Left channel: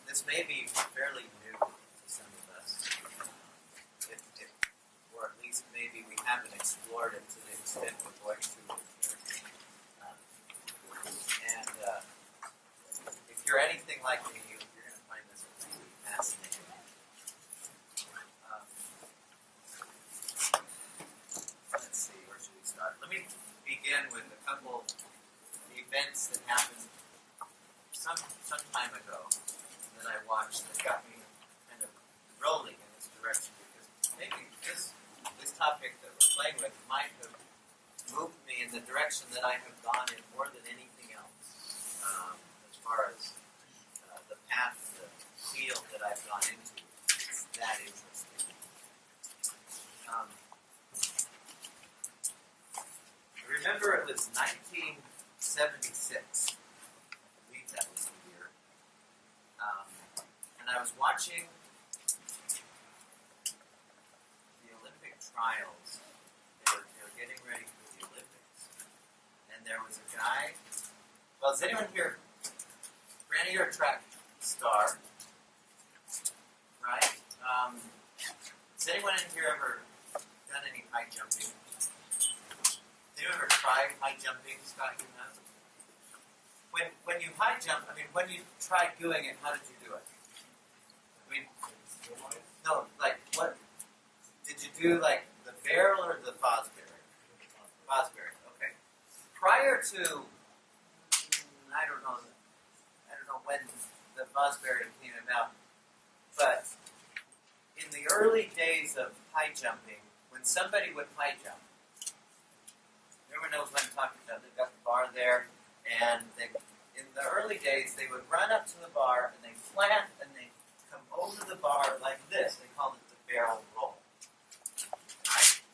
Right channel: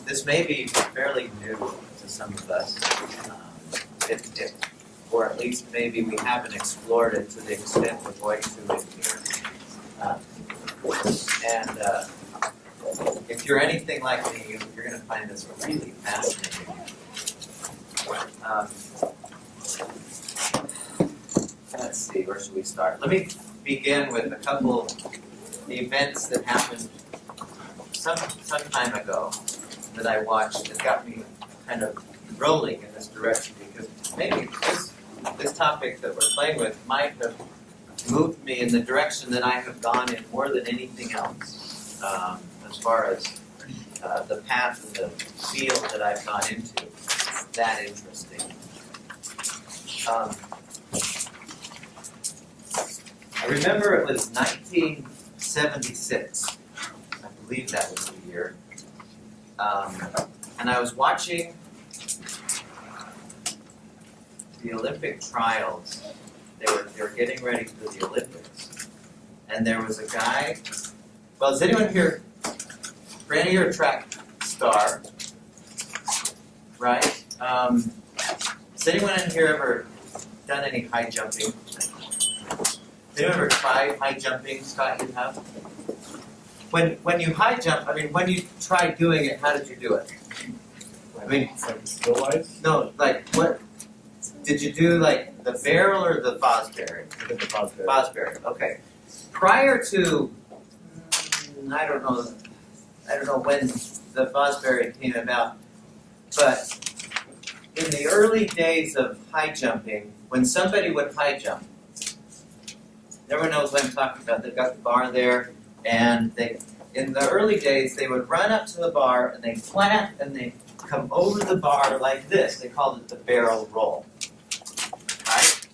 this may be fairly new to some of us, or at least maybe we haven't explored it to the extent we're going to in here. If you're anything like me, you're going to find this really fascinating. Let's see, where should we start? Let me begin with a couple events that happened some time ago that I watched that got me kind of rolling in this direction, because maybe this topic that we're playing with might have moved me in the direction that I have gone in more than anything else, as far as the path and the field that I've gone into. It's that interesting. I remember it was 1976. I believe that was the year. And I was watching the Olympic trials. They were getting ready for the Olympics. And there was a guy. Well, is anyone here? Brandy, you're a track star, right? Has anyone in here ever done any high jumping? Has anyone ever tried high jumping? Scott, you have? When you high jump, I mean, when you tried doing it, how did you do it? I mean, like skill-wise? No, like what? Did you do like the barrel or the Fosbury? I did the Fosbury. Fosbury, okay. Prior to, I don't know when the Fosbury came about, but in the early days of high jumping, when somebody would high jump, everyone knows what I'm talking about. They've got the bar there, and in the early days, they would run up to the bar, and they plant, and they come over the bar like this. They called it the barrel roll, right?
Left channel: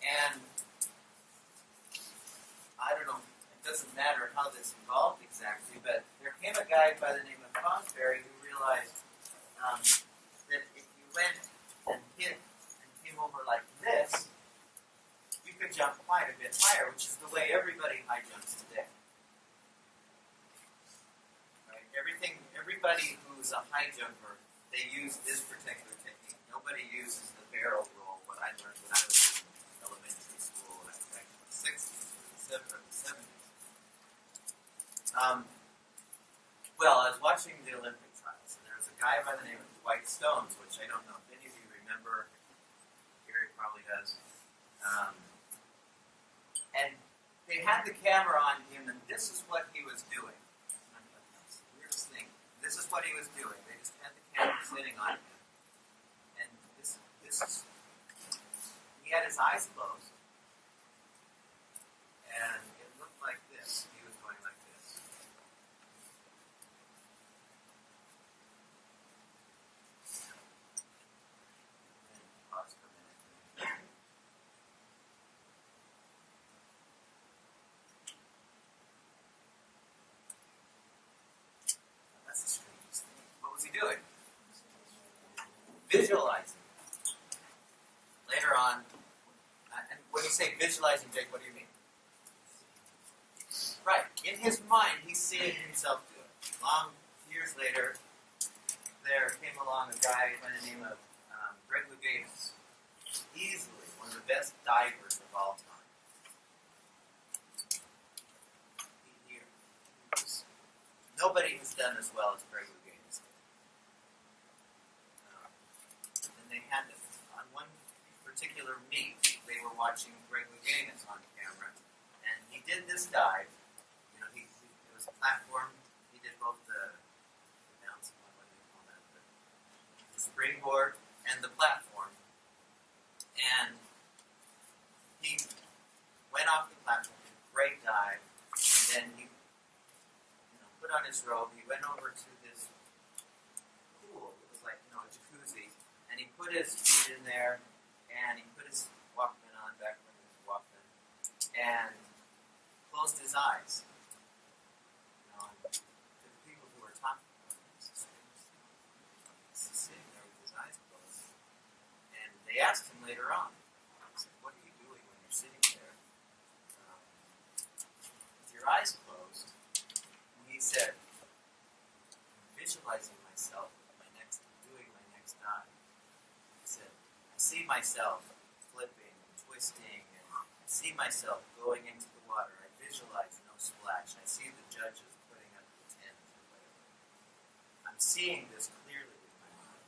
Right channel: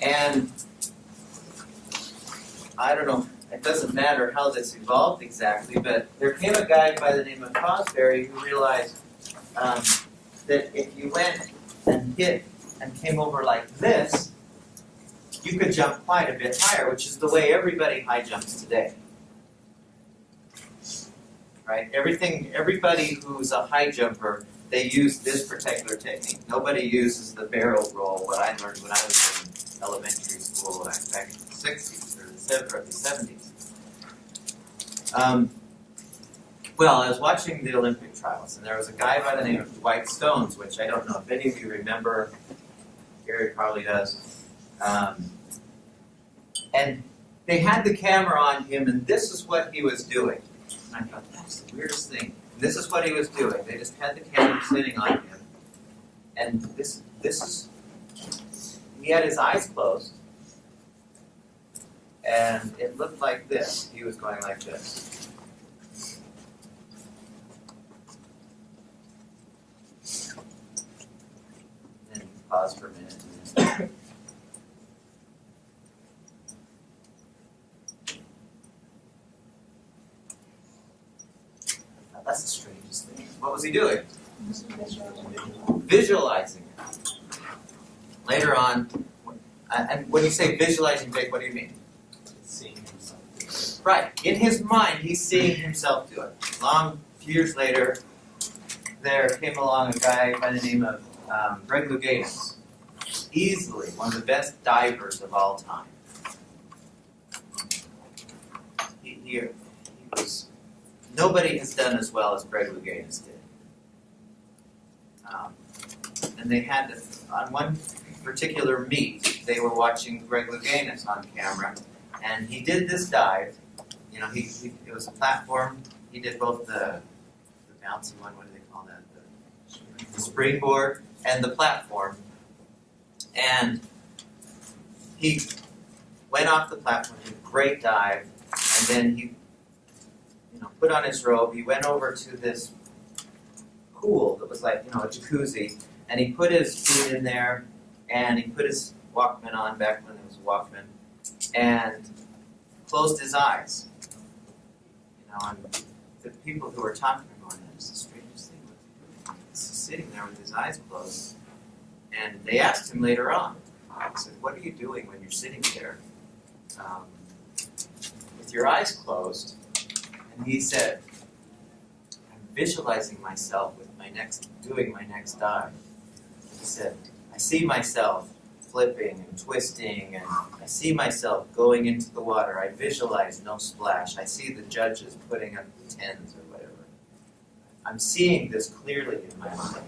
And I don't know, it doesn't matter how this evolved exactly, but there came a guy by the name of Fosbury who realized that if you went and hit and came over like this, you could jump quite a bit higher, which is the way everybody high jumps today. Right? Everybody who's a high jumper, they use this particular technique. Nobody uses the barrel roll, what I learned when I was in elementary school back in the 60s or the 70s. Well, I was watching the Olympic trials, and there was a guy by the name of Dwight Stones, which I don't know if any of you remember. Gary probably does. And they had the camera on him, and this is what he was doing. And I thought, that's the weirdest thing. And this is what he was doing. They just had the camera sitting on him. And this is, he had his eyes closed. And it looked like this. He was going like this. And pause for a minute. That's the strangest thing. What was he doing? Visualizing it. Later on, and when you say visualizing, Jake, what do you mean? Seeing himself. Right. In his mind, he's seeing himself do it. Few years later, there came along a guy by the name of Greg Louganis. Easily one of the best divers of all time. He was. Nobody has done as well as Greg Louganis did. And they had to, on one particular meet, they were watching Greg Louganis on camera, and he did this dive. You know, it was a platform. He did both the bouncy one, what do they call that? The springboard and the platform. And he went off the platform, did a great dive, and then he put on his robe, he went over to this pool that was like, a jacuzzi, and he put his feet in there, and he put his Walkman on back when there was a Walkman, and closed his eyes. And the people who were talking were going, that's the strangest thing. He's sitting there with his eyes closed. And they asked him later on, I said, what are you doing when you're sitting there with your eyes closed? And he said, visualizing myself with doing my next dive. He said, I see myself flipping and twisting, and I see myself going into the water. I visualize no splash. I see the judges putting up the 10s or whatever. I'm seeing this clearly in my mind.